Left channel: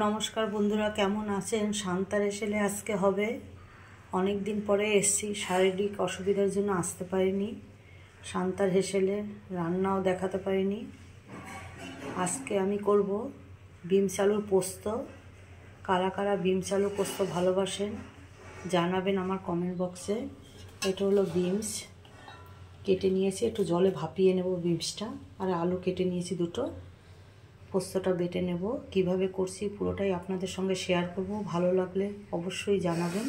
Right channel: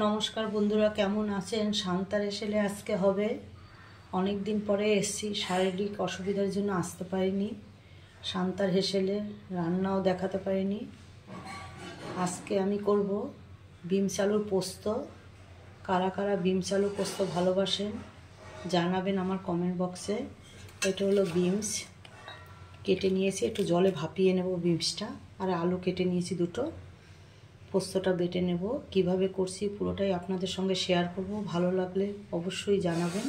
নমস্কার বন্ধুরা, কেমন আছেন? শান্তার এসেলে আজকে হবে। অনেক দিন পরে এসেছি, শারীরিক অসুবিধার জন্য আসতে পারিনি। শান্তার হেসেলে রান্নাও দেখাতে পারিনি। আজকে আমি করব বিমস আলুর পোস্ত। কারা কারা বিমস আলু পোস্ত ভালোবাসেন জানাবেন আমার কমেন্ট বক্সে। এটা হলো বিমস, কেটে নিয়েছি, একটু জলে ভাপিয়ে নেব বিমসটা। আর আলু কেটে নিয়েছি দুটো। পোস্তটা বেটে নেব। কিভাবে করছি পুরোটাই আপনাদের সঙ্গে শেয়ার করব। ভালো লাগলে অবশ্যই জানাবেন।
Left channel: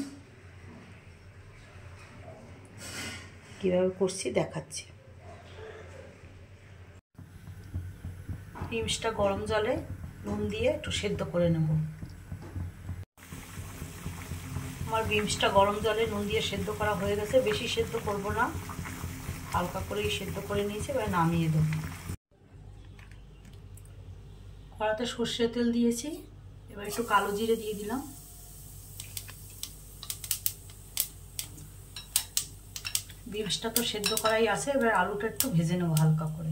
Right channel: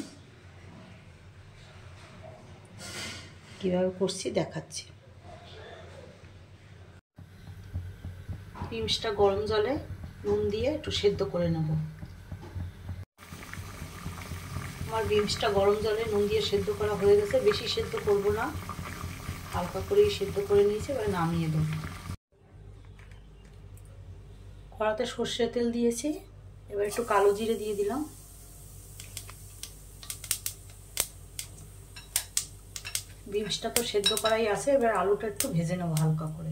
কিভাবে করছি দেখাচ্ছি। বিমসটা গরম জলে নুন দিয়ে একটু সেদ্ধ করে নেব। আমার বিমসটা গরম জলে নুন দিয়ে সেদ্ধ করা হয়ে গেছে। বেশি সেদ্ধ করব না, হালকা করেই সেদ্ধ করে নিয়েছি। এবার নামিয়ে দেব। কড়াতে সর্ষের তেল দিয়েছি, এবার একটু কালো জিরে দিয়ে দিলাম। বিমসটা তো সেদ্ধ করাই আছে, এবার আলুটা একটু ভেজে নেব হালকা করে।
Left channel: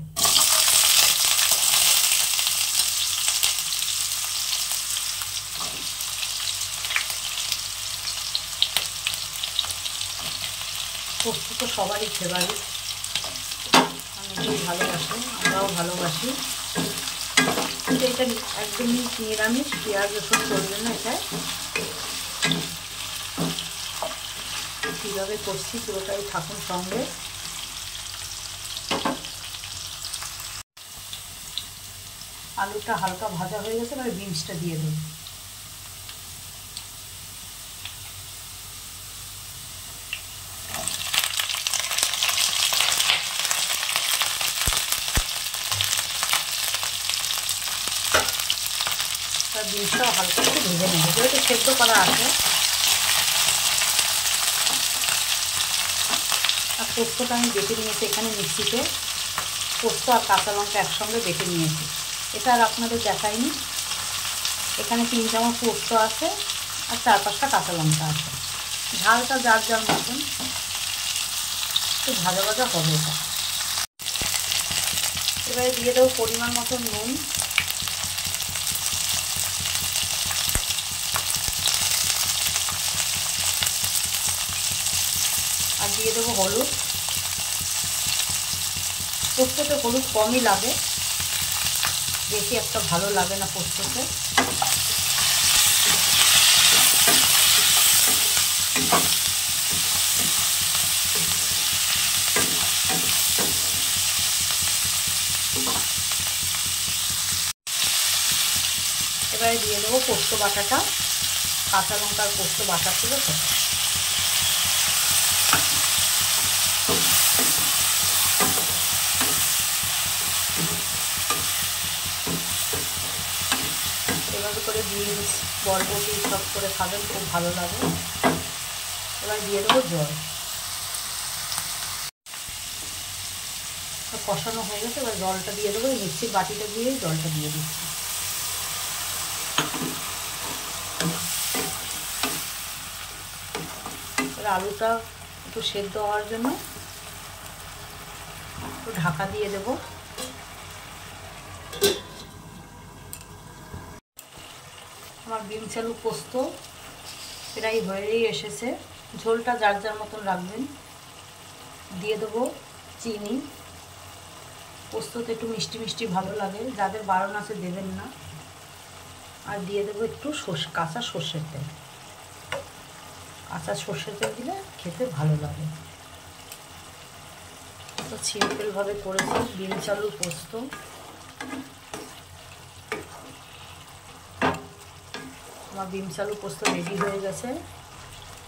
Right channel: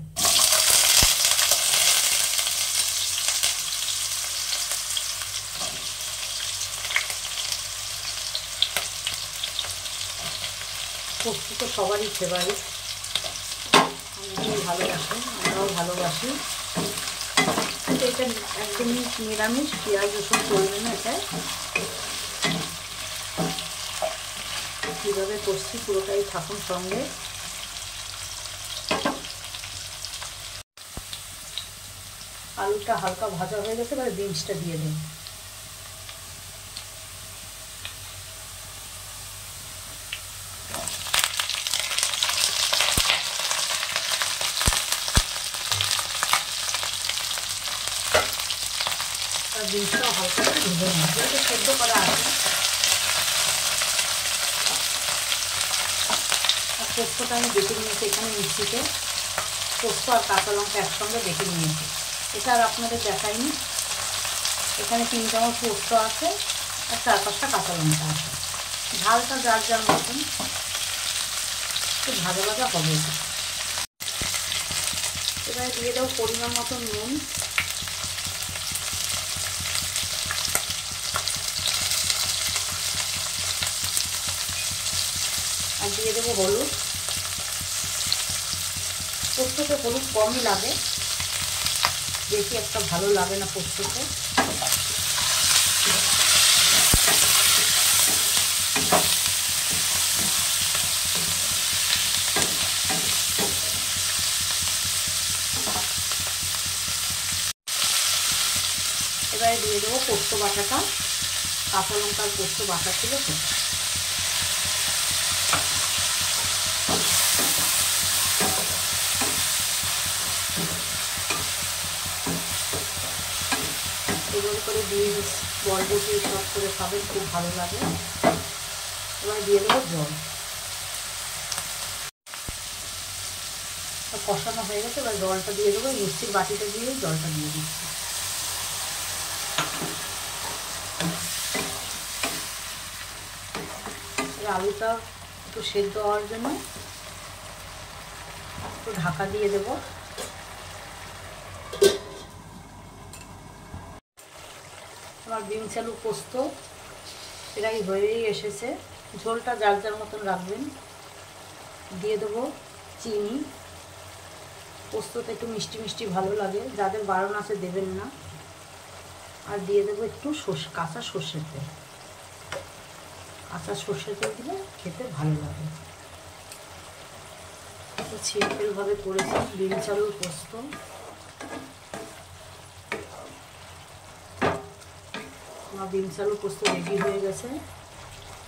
পোস্ত তো সবারই ফেভারিট, অনেকেই ভালোবাসে, আমরাও ভালোবাসি। কিন্তু এটা একদমই নিরামিষ, পেঁয়াজ রসুন চলবে না এটায়। কীভাবে করছি পুরোটাই থাকুন সঙ্গে। আলুটা হালকা ভাজা হয়ে গেছে, এবার বিমসটা দিয়ে দেব। বিমসটাও হালকা একটু ভেজে নেব, যেহেতু সেদ্ধ করা আছে। আর পোস্তটা আমি বেটে নিয়েছি এখানে মিক্সিতে। পোস্ত আর কাঁচা লঙ্কা একসঙ্গে বেটে নিয়েছি। এটা আর আপনাদের দেখাইনি। এখানে 3 চামচ পোস্ত আছে আর 4-5টা কাঁচা লঙ্কা আছে। ঝালটা যার যার মতন, একটু ভাজা ভাজা হবে এটা। এবারে দিয়ে দেবো পরিমাণ মতো নুন, আর দিয়ে দেবো হলুদ। পোস্ততে হলুদ কমই লাগে, বেশি একটা ভালো লাগে না পোস্ততে। এবারে দিয়ে দেবো পোস্ত বাটাটা, কাঁচা লঙ্কার পোস্ত বাটা ছিল সেটা। এভাবে করে বিনস, বরবটি সব করে খাবেন, খুব ভালো লাগে। এবার দিয়ে দেবো জল। কষানো হয়ে গেছে, এবার জলটা দিয়ে দেবো। মিক্সির বাটিটা দিয়ে জলটা দিয়ে দিচ্ছি। আলুটা একটু সেদ্ধ হওয়ার জন্য একটু ঢাকা দিয়ে দেব। আমার বিমস আলু পোস্ত প্রায় হয়েই এসেছে। ঝোলটা যার যার মতন রাখবেন। দিয়ে দেবো চিনি। পোস্ততে একটু মিষ্টি মিষ্টি ভালো লাগে, যাদের বারণ আছে দেবেন না। আর দিয়ে দেবো একটু কাঁচা সর্ষের তেল। কাঁচা সর্ষের তেল দিলে খেতে ভালো লাগে। তো সিম্পলভাবে করেছি বিমস আলুর পোস্ত। আমার বিমস আলু পোস্ত রেডি হয়ে গেছে।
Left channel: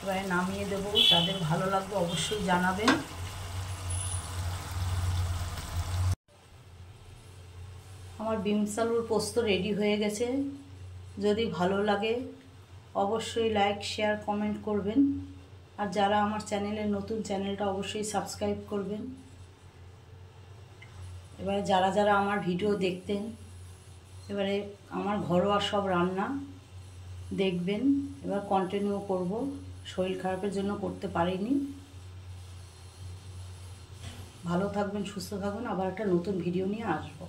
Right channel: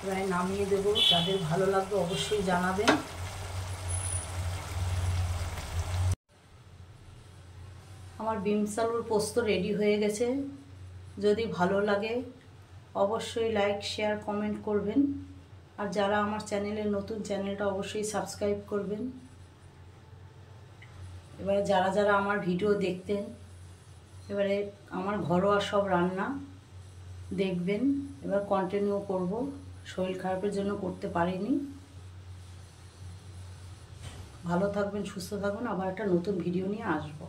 এবারে নামিয়ে দেবো। যাদের ভালো লাগবে অবশ্যই জানাবেন। আমার বিমস আলুর পোস্ত রেডি হয়ে গেছে। যদি ভালো লাগে অবশ্যই লাইক, শেয়ার, কমেন্ট করবেন। আর যারা আমার চ্যানেলে নতুন, চ্যানেলটা অবশ্যই সাবস্ক্রাইব করবেন। এবারে যারা যারা আমার ভিডিও দেখতেন, এবারে আমার ঘরোয়া সব রান্না দেখবেন। এবার কন্টিনিউ করব। শরীর খারাপের জন্য করতে পারিনি। ভালো থাকবেন, সুস্থ থাকবেন। আবার একটা নতুন ভিডিও নিয়ে আসবো।